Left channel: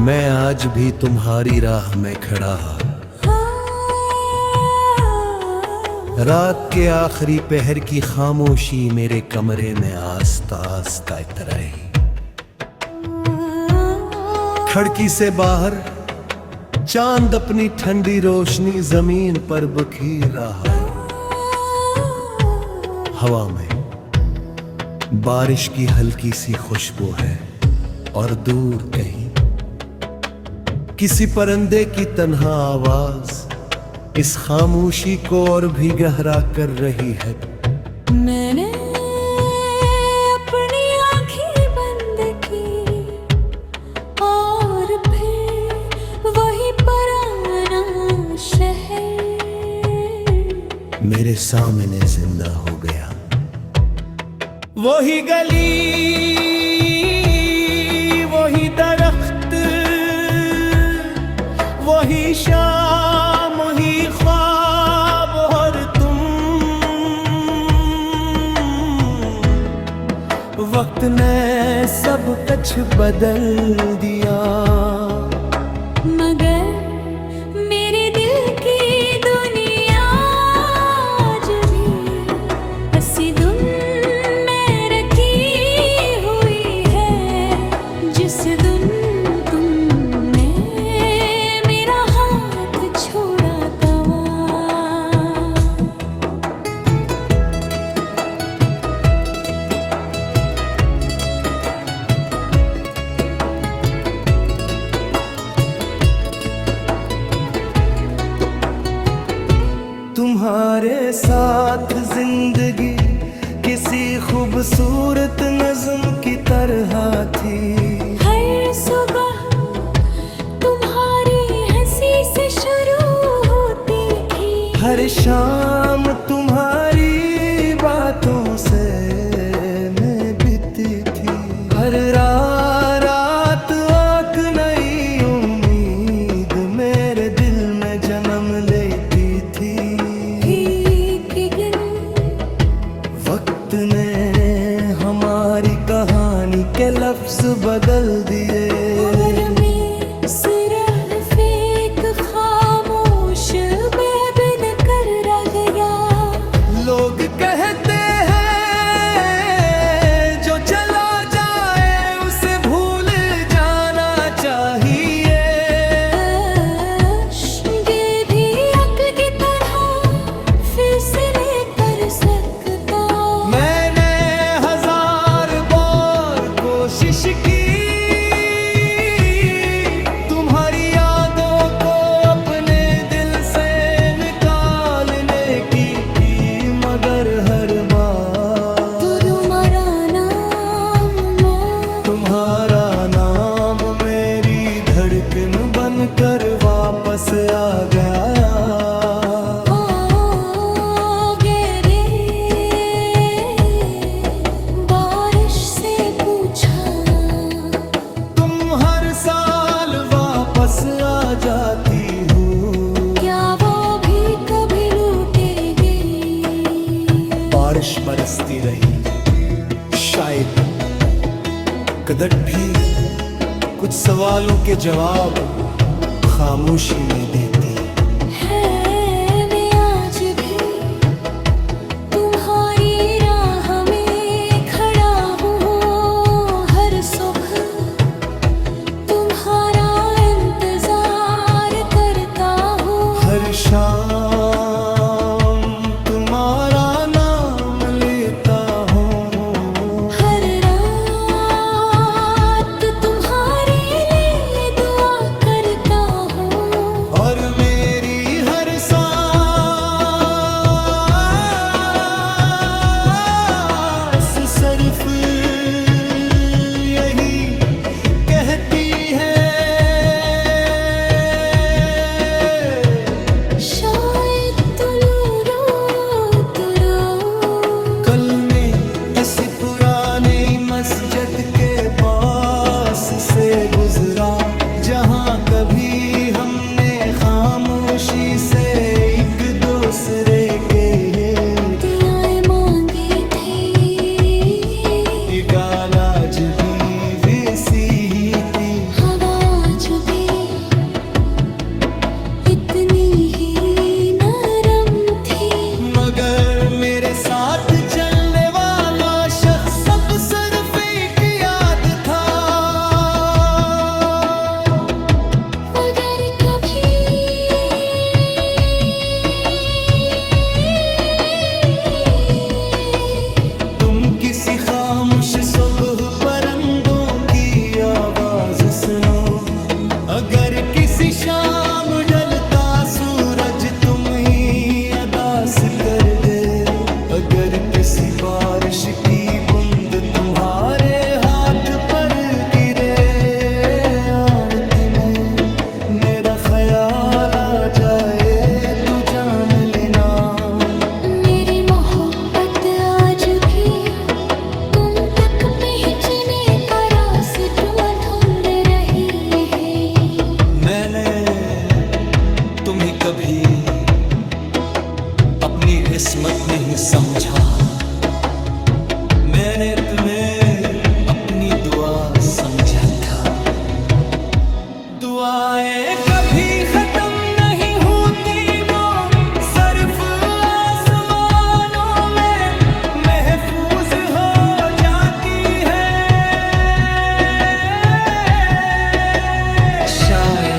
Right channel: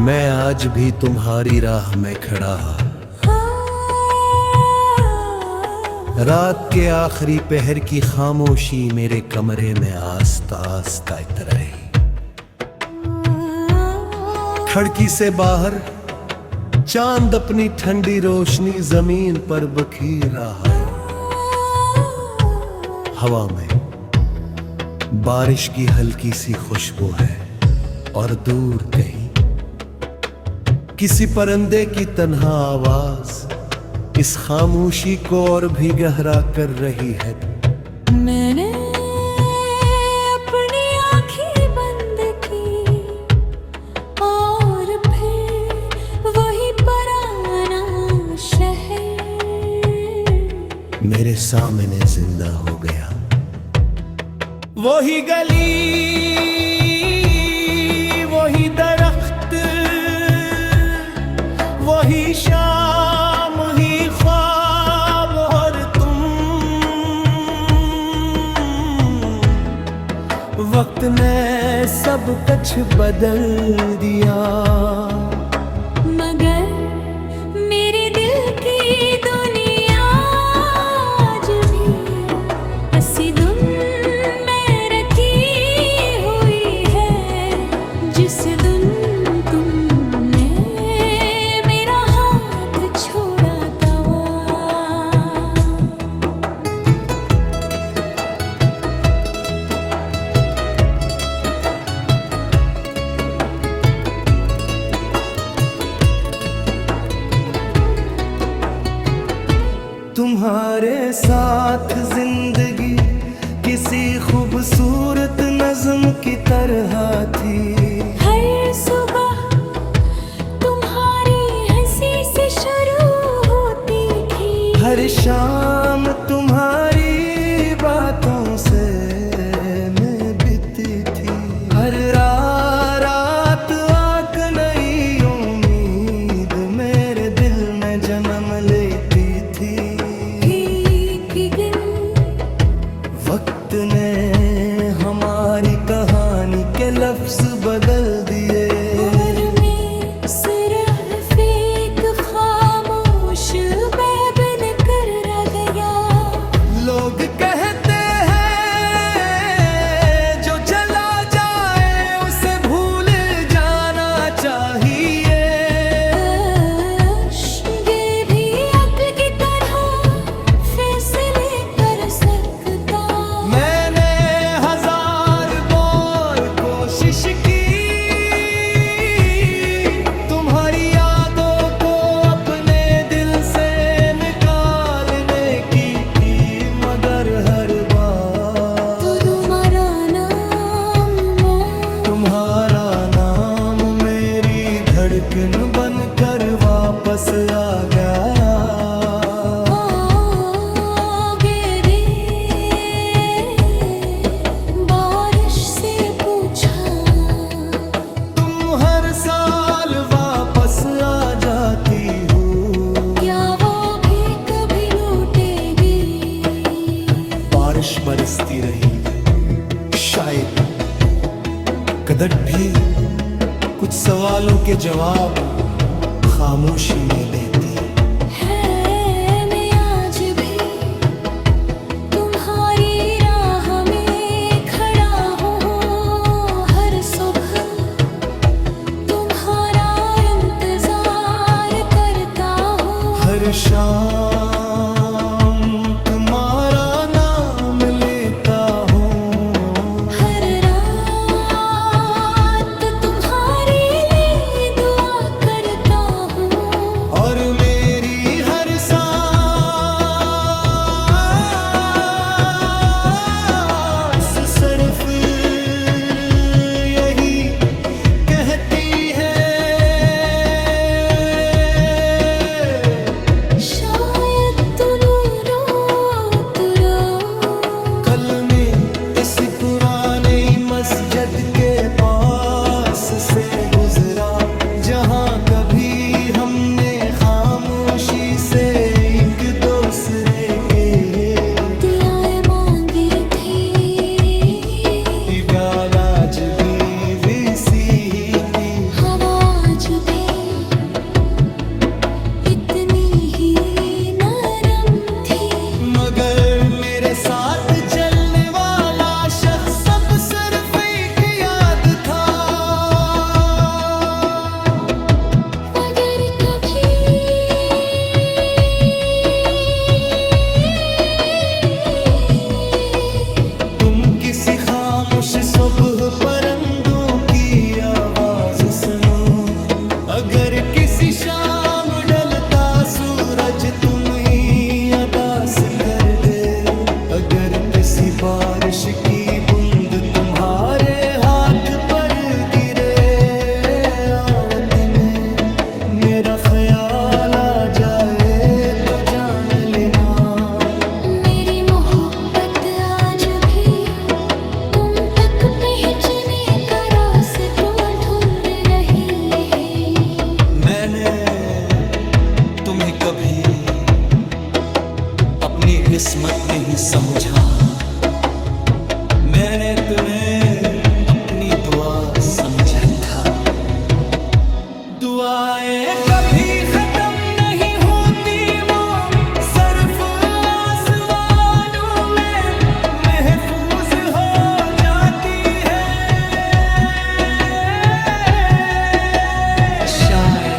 मैं आज भी तुम्हारी राह में खड़ा, रात के आखिरी पहर की खामोशी मेरे कमरे में आस्ता आस्ता इतराई। खिड़की से बाहर चांद अपनी ठंडी रोशनी जमीन पर बिखेर रहा है। हवा में बारिश की हल्की सी खुशबू है और दूर कहीं किसी परिंदे की तन्हा आवाज इस खामोशी को और भी गहरा कर रही है। मैंने अपनी आंखें बंद की और फिर वही पुराना शहर मेरे सामने जिंदा हो गया। वही गली, वही दरख्त, वही शाम, वही ख्वाब और तुम। वक्त ने सब कुछ बदल दिया, मगर मेरे दिल की दुनिया आज भी हंसी धुन में रखी हुई है। जिस दिन तुमने मेरा हाथ छोड़ा गवा, तुम्हारे साथ जिंदगी किसी खूबसूरत नज़्म की तरह थी। हर सुबह तुम्हारी हंसी से शुरू होती थी, हर शाम तुम्हारी बातों से मैं बीती थी। हर रात एक नई उम्मीद मेरे दिल में जन्म लेती थी। एक दिन वक्त ने हमारी कहानी के लफ्ज बदल दिए। उम्र में सिर्फ एक खामोश बेबन कर रह गया। लोग कहते हैं जो चला जाए उसे भूल जाना चाहिए। ये भी अक्ल की तरह फैसले कर सकता। मैंने हजार बार कोशिश की तुम्हारी यादों को अपने दिल से निकालने की, मगर हर बार तुम्हारा नाम मेरी धड़कन बनकर वापस आ गया। बारिश से पूछा, तुम हर साल वापस आ जाती हो, क्या वो भी कभी लौटेगी? बारिश बरसती रही, शायद कदर भी कुछ सवालों के जवाब खामोशी में देती। है मैं आज भी तुम्हारी राह में खड़ा हूँ। हर सुबह तुम्हारा इंतजार करता हूँ। हर शाम तुम्हारा नाम लेता हूँ। हर रात तुम्हारे लिए दुआ करता हूँ। और मेरी हर सांस सिर्फ यही कहती है, शायद तू रो कल में ऐसी पुराने मस्जिद के पास से गुजरा, जहाँ कभी हमने खामोशी से एक दूसरे के दुआएं मांगी थी। डाल आज भी वैसी ही थी। हवा आज अगर किसी शाम ढलता सूरज तुम ही अदास कर दे, अगर किसी बारिश की बूंद तुम्हारे हाथ पर गिरे, आरती में मेरा ख्याल आ जाए तो जान लेना। मेरी मोहब्बत आज भी तुम तक पहुंचने का रास्ता ढूंढ रही है। मैंने तुम्हें कभी अपनी किस्मत नहीं समझा, मैंने तुम्हें अपनी दुआ समझा था। दुआएं कभी खत्म नहीं होती, वो सिर्फ आसमानों में महफूज हो जाती है। शायद